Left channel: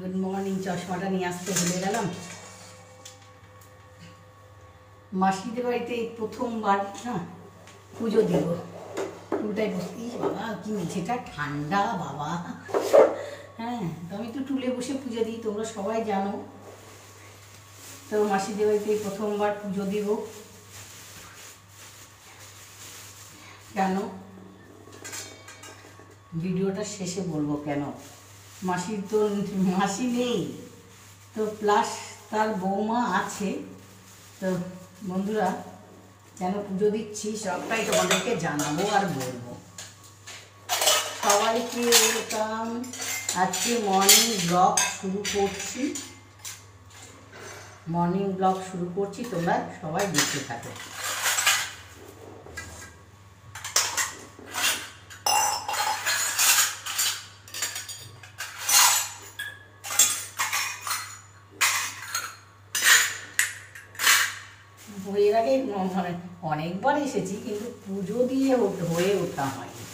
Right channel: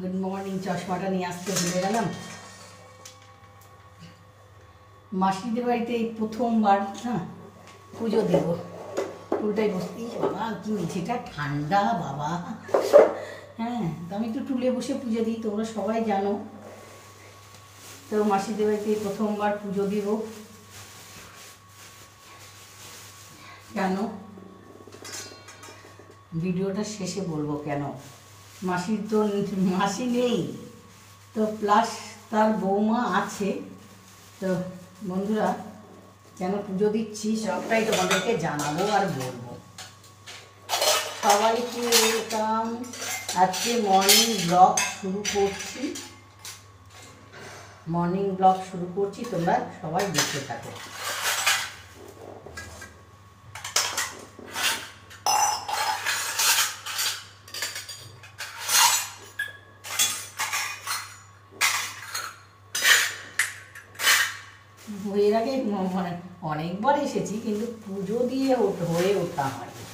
Good morning. চশমাটা নিয়ে আসতে ভুলে গেলাম। মাসিদের বাড়িতে এই প্রথমবার পুজো দেব। উল্টাই বসতেই বাবা কি মেঝেটা ঠান্ডা বাবা। হ্যাঁ, তো আমি একটু টুলে বসে পুজো দিই, তোমরা সবাই জানো। তো মাসিদের বাড়িতে প্রথমবার পুজো দিব। জানো, ভিডিওটা শেষে বলবো কেন। মাসির তো মাসি নেই, তো প্লাস তার বৌমা আছে। তো বন্ধুরা, কেন পুজো দিচ্ছি সবটাই তোমাদেরকে জানাবো আর বলবো। সবাইকে ওয়েলকাম। আজকে মর্নিং ব্লগ শুরু করছি। তোমরা সবাই দেখতে থাকো। এর আগে অনেকবার এসেছি, কিন্তু পুজো দিয়ে হয়ে ওঠা হয়নি।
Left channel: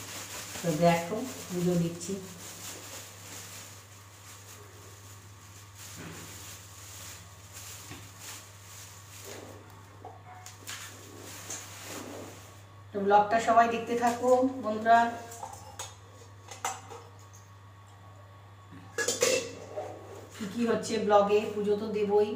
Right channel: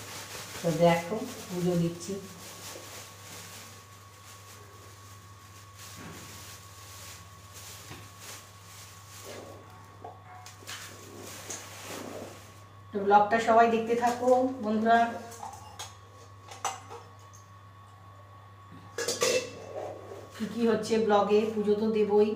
তো দেখো পুজো দিচ্ছি। তো ব্লগটা সবাই দেখতে থাকো বন্ধুরা। কি হচ্ছে ব্লগে, পুজো তো দেবই।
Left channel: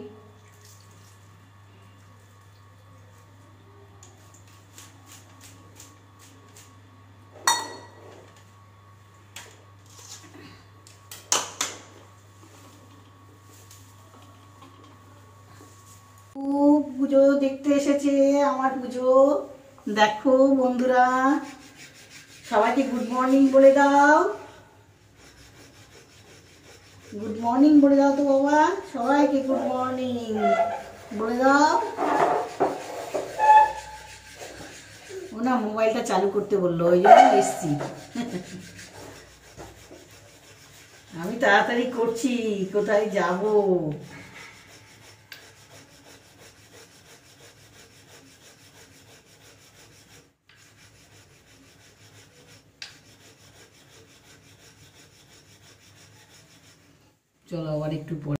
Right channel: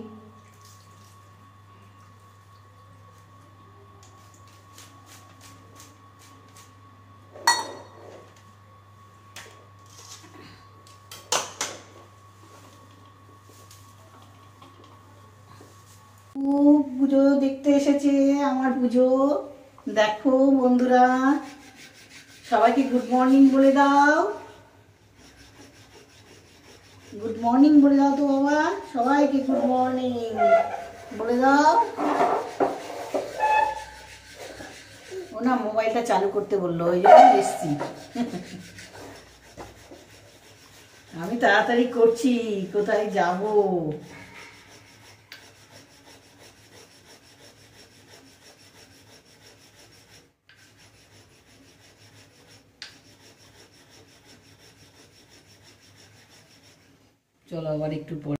পুজো দেখতে এসেছে আমার পুজো। দেখো বন্ধুরা, সবাইকে গুড মর্নিং বলে দাও। গুড মর্নিং বলে দাও তো বাবা, সবাইকে গুড মর্নিং বলে দাও। ও না মোবাইলটা চালু করতে বললো, ওই জন্য এসছি। আমি তাড়াতাড়ি করছি, কোথায় যাব। চলো আবার একটু পরে।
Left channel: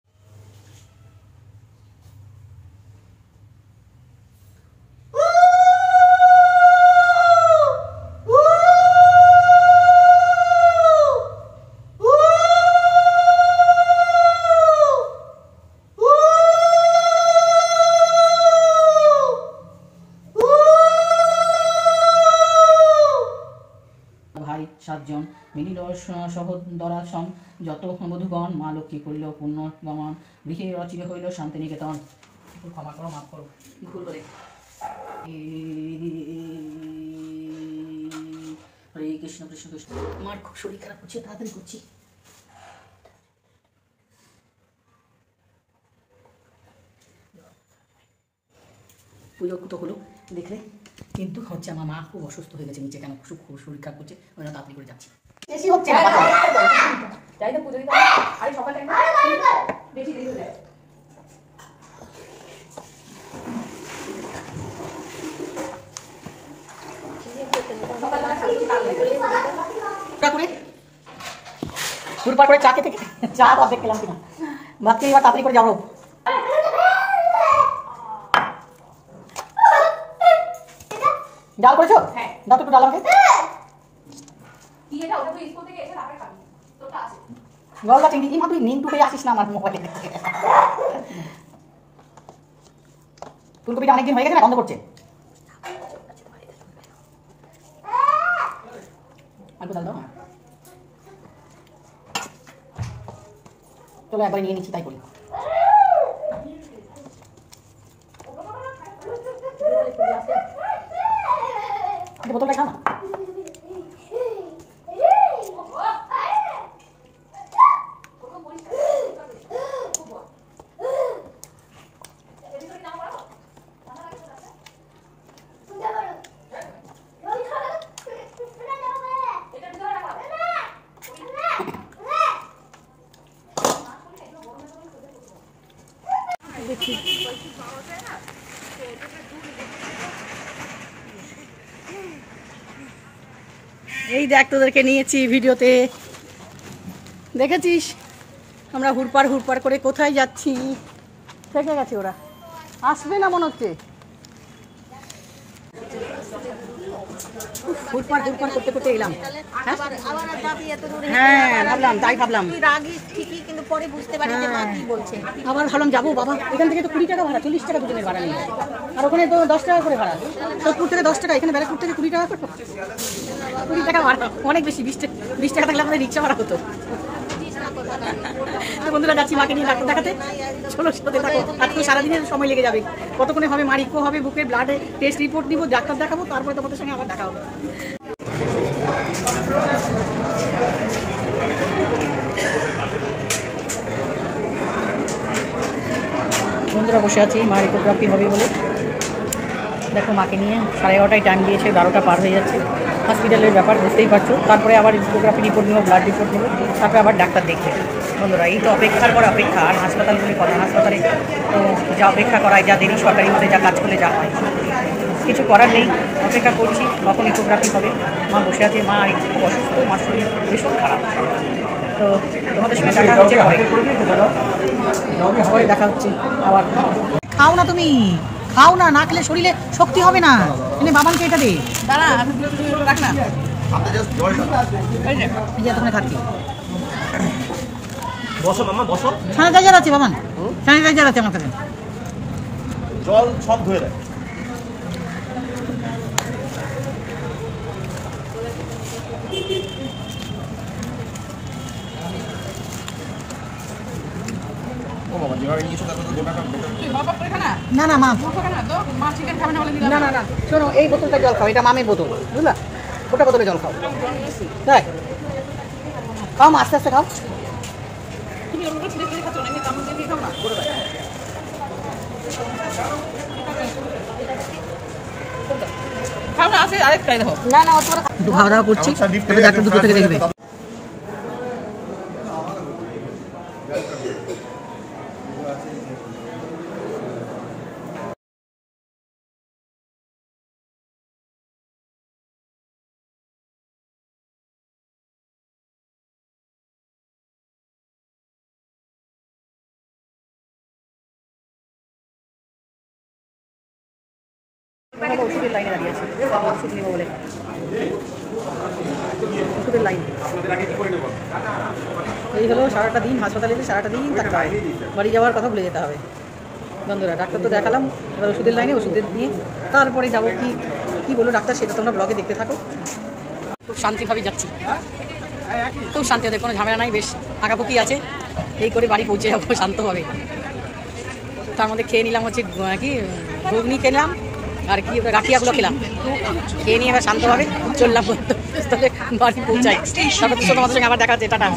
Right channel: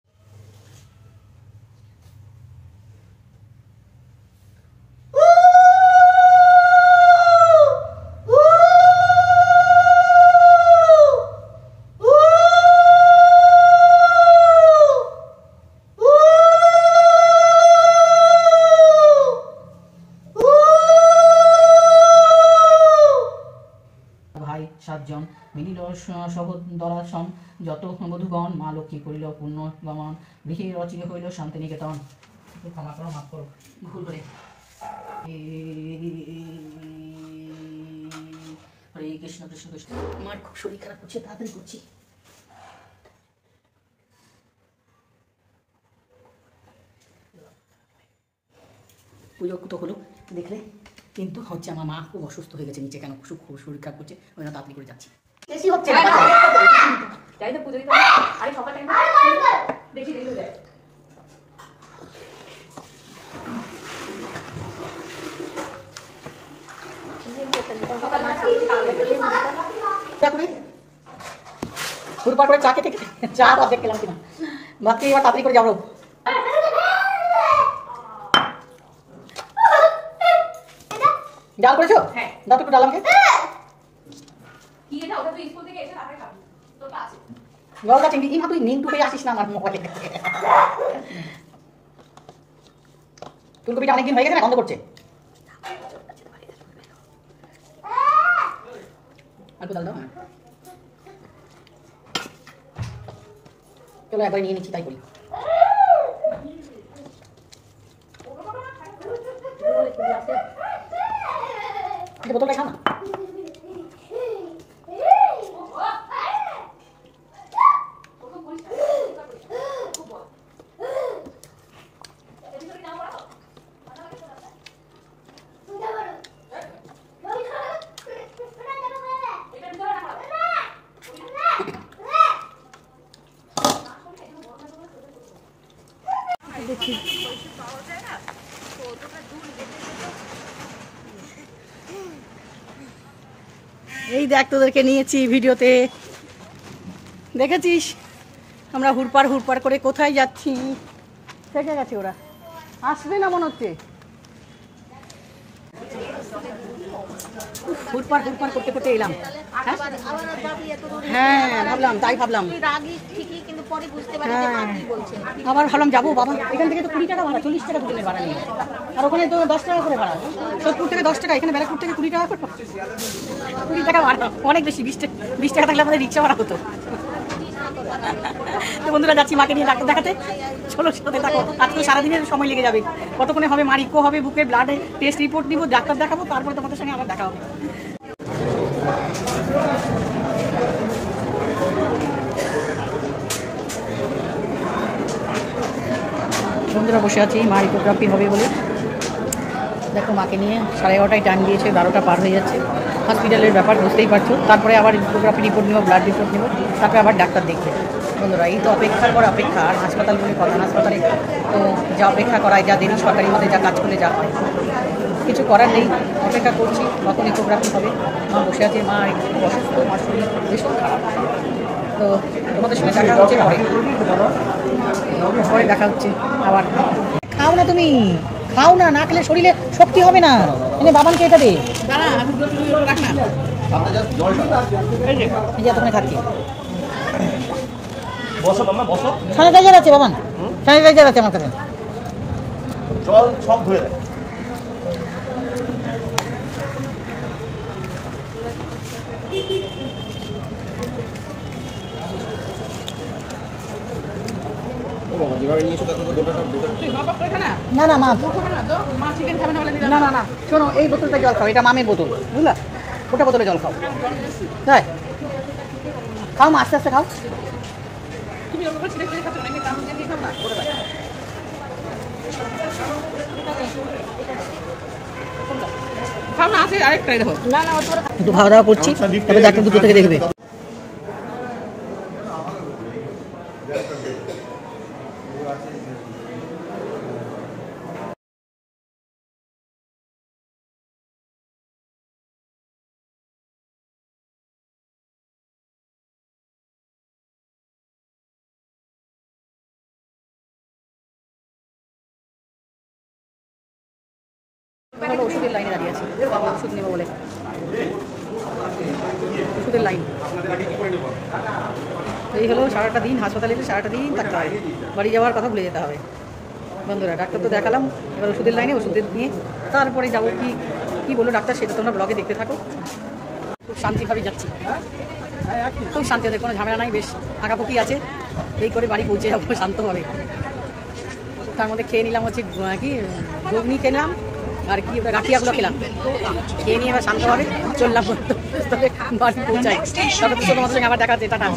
ভাই 7 জন মিলিল সহোদরা সং যত বধূগণ, মা লক্ষ্মী করিল পূর্ণ গমন, গৃহে রচিত হইল শান্তিনিকেতন। ক্ষমা করো, মাফ করো ভুল করে। হরে কৃষ্ণ কৃষ্ণ কৃষ্ণ। আমার খুব শরীর খারাপ করছে, তাড়াতাড়ি করছি। পুজো তো হলো দেখলে, কিন্তু হচ্ছে আমার মা খুব অসুস্থ হয়ে গেছে নিচে। কেন খুব শরীর খারাপ করছে, ওই জন্য তাড়াতাড়ি করে যাচ্ছি। বেশি হচ্ছে না তাই তো পুজো দিতে। আরে সকালে বেশি দেরি হয়ে যায়। পুরপার করে চা খেতে চা অর্ধেক খেলাম কিনা ভাবছি, এবার তাড়াতাড়ি করে যাবো। ডাল করেছো? হ্যাঁ, দাও তো একটু ডাল আমাকে। গলদা চিংড়ি। ইমা তুই নিংটু হয়ে আসিস না আমার মোবাইলে। ফুলকপিটা অনেকদিন হয়ে গেছে না, গন্ধ করছে। অল্প ডাল দাও। হ্যাঁ চলো একবার নিয়ে নিচ্ছি, তাই করি। বোতলটা খা না। এই দেখ তোদেরকে নিয়েছি ভিডিওতে, দেখেছিস? আমরা হুড়পাড় করে কোথায় যাচ্ছি? থেকে গেছে ওরা, আসবে না মনে হচ্ছে। হুড়পাড় করতে করতে এলাম। হ্যাঁ ভাবলাম, তাই ভাবলাম। আবার ভাবলাম যাবো বাবা, এখান থেকে তো 20 টাকা ভাড়া, 40 টাকা দুজনের ভাড়া নেই। আর ওখানে তো 10 টাকা করে ভাড়া, সোদপুর থেকে 10 টাকা, এখানে ব্যারাকপুর থেকে 20 টাকা করে, 20 টাকা ভাড়া, অনেক বেশি। 20 টাকা থাকলে আমাদের রিক্সা ভাড়া হতো। তো বন্ধুরা যাচ্ছি মাকে নিয়ে ডাক্তার দেখাতে। চলো সাথে থাকো, আজকে সারাদিনের সময় লেগে যাবে। কতক্ষণে হবে, মা ইকো হবে, বুকে ব্লাড টেস্ট রিপোর্ট নিবো, ডাক্তার দেখাবো, তারপরে তোমাদের সঙ্গে আবার দেখা হবে। বন্ধুরা বসে আছি মা ইকোগ্রাফি হবে বলে। দেখো মাকে নিয়ে 11:30 টাইম দিয়েছে, 12টা পার হয়ে যাচ্ছে। হসপিটালের ব্যাপার বুঝতেই পারছো। তারপরে আবার ইকোগ্রাফি রিপোর্ট নেবো, ব্লাড রিপোর্ট নেবো, তারপরে আবার ডাক্তার দেখবে। বন্ধুরা এই তো অপেক্ষার পর অপেক্ষা। আর হাসপাতাল বলে কথা, হাসপাতালে তো যা অপেক্ষা করায়, যা দেরি, সরকারি মধ্যে যা কাজ করলে যা হয়, কিছু করার নেই। অপেক্ষা করছি কখন ইকোগ্রাফি হবে। মা বসে আছে, মা একটু অসুস্থ, মার শরীর ভীষণ খারাপ। তো তোমাদের সঙ্গে দেখা হচ্ছে পরে দেখা হচ্ছে আবার। খাও না তুমি, খাও না, না খেলে শরীরে শক্তি হবে না। এনে বাবানকে এটা দে, খাচ্ছি। স্যানিটাইজার আছে বাবান, স্যানিটাইজার আছে আমার কাছে। জল সব ধুয়ে দেয়। না না মা, না না না শোনো, এই বোতলটা জল খাও, এটা মামের বোতল, বুঝলা? ওটা বোতলে জল খাও। তাই খাও মা, আস্তে আস্তে খাও। একটু খাওয়া দাওয়া করছি, তারপরে ডাক্তার দুটো থেকে দেখবে। ওষুধের লাইনে দাঁড়িয়ে আছে, ওষুধ নেবো বলে। ওষুধের লাইন এই হলো। সারাটা দিন হাসপাতালে, সারাটা দিন থাকতে হয়, বাড়ি যাওয়ার কথা ভুলে যেতে হবে। বন্ধুরা ডাক্তার তো দেখালাম, এবার ওষুধের লাইনে, ওষুধের নিয়ে তারপরে যাবো। কি বললো ডাক্তার সেটা তোমরা ব্লগে দেখতে থাকো। খুব শান্তিভাবে যাচ্ছি, খুব শান্তি, ওদের কোনো ঝামেলা নাই, বেশ আঁকাপুকি আছে। এই করে বাড়ি পৌঁছে যাবো শান্তভাবে। তার মধ্যে খেয়ে নিলাম হচ্ছে কি ঘুগনি খেলাম, আর কি ওটা গাঠিয়াগুলো খেলাম, খেয়ে নিয়ে এবার শান্তভাবে চললাম বাড়ি পৌঁছাই। তারপরে তো তোমাদের সঙ্গে আবার দেখা হচ্ছে, টাটা।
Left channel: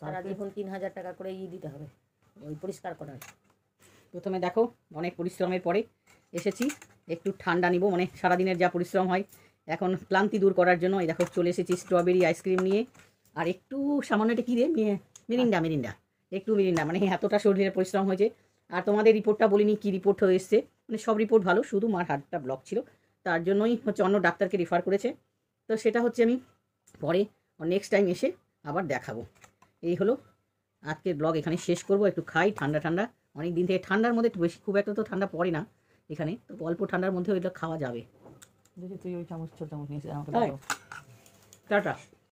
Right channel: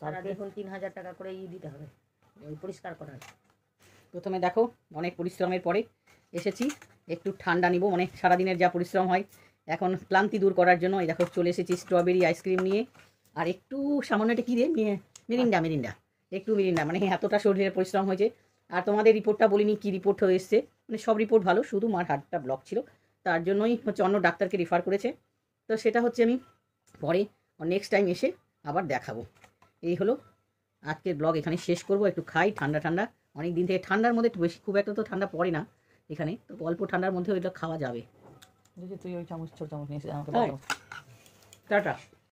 সারাদিন 3000 টাকা করে দিতে হবে পরিষ্কার করার। প্রথমে দেখো অনেক পরিশ্রমের পরে এসেছি, একটু ঠান্ডা নিব, মানে সারাদিনের যা পরিশ্রম হয় এখন ক্লান্তি দূর করার জন্য। এই দেখো চলে এসেছি স্ট্রবেরি আইসক্রিম নিয়ে, আর একটু সামান্য একটা কী দিয়ে মিরিন্ডা, একটু মিরিন্ডা, মানে এতটা শরীরের পরিশ্রম হয়েছে। আর তোমাদের রিপোর্টটা বলিনি, কী রিপোর্ট হয়ে এসছে, মানে সব রিপোর্ট ভালো, শুধু মার হার্টটা ব্লক ছিল, তার জন্যই হচ্ছে অন্য ডাক্তারকে রেফার করেছে। তো সেটা হচ্ছে আমি পরে নেক্সট টাইম এসে আবার দেখাবো। এই হলো আজকের ব্লগ, এখানে শেষ করব। একটু খাই, ঠান্ডা অনেক দিন থেকে, ঠান্ডার মধ্যে একটু বেশি, খুব একটা তো ঠান্ডা পড়ে না এখানে, তো অল্প ঠান্ডার মধ্যে ওইটা খাওয়া যাবে। তুই ওই চামচ, ছোট চামচ নিয়ে টাটা।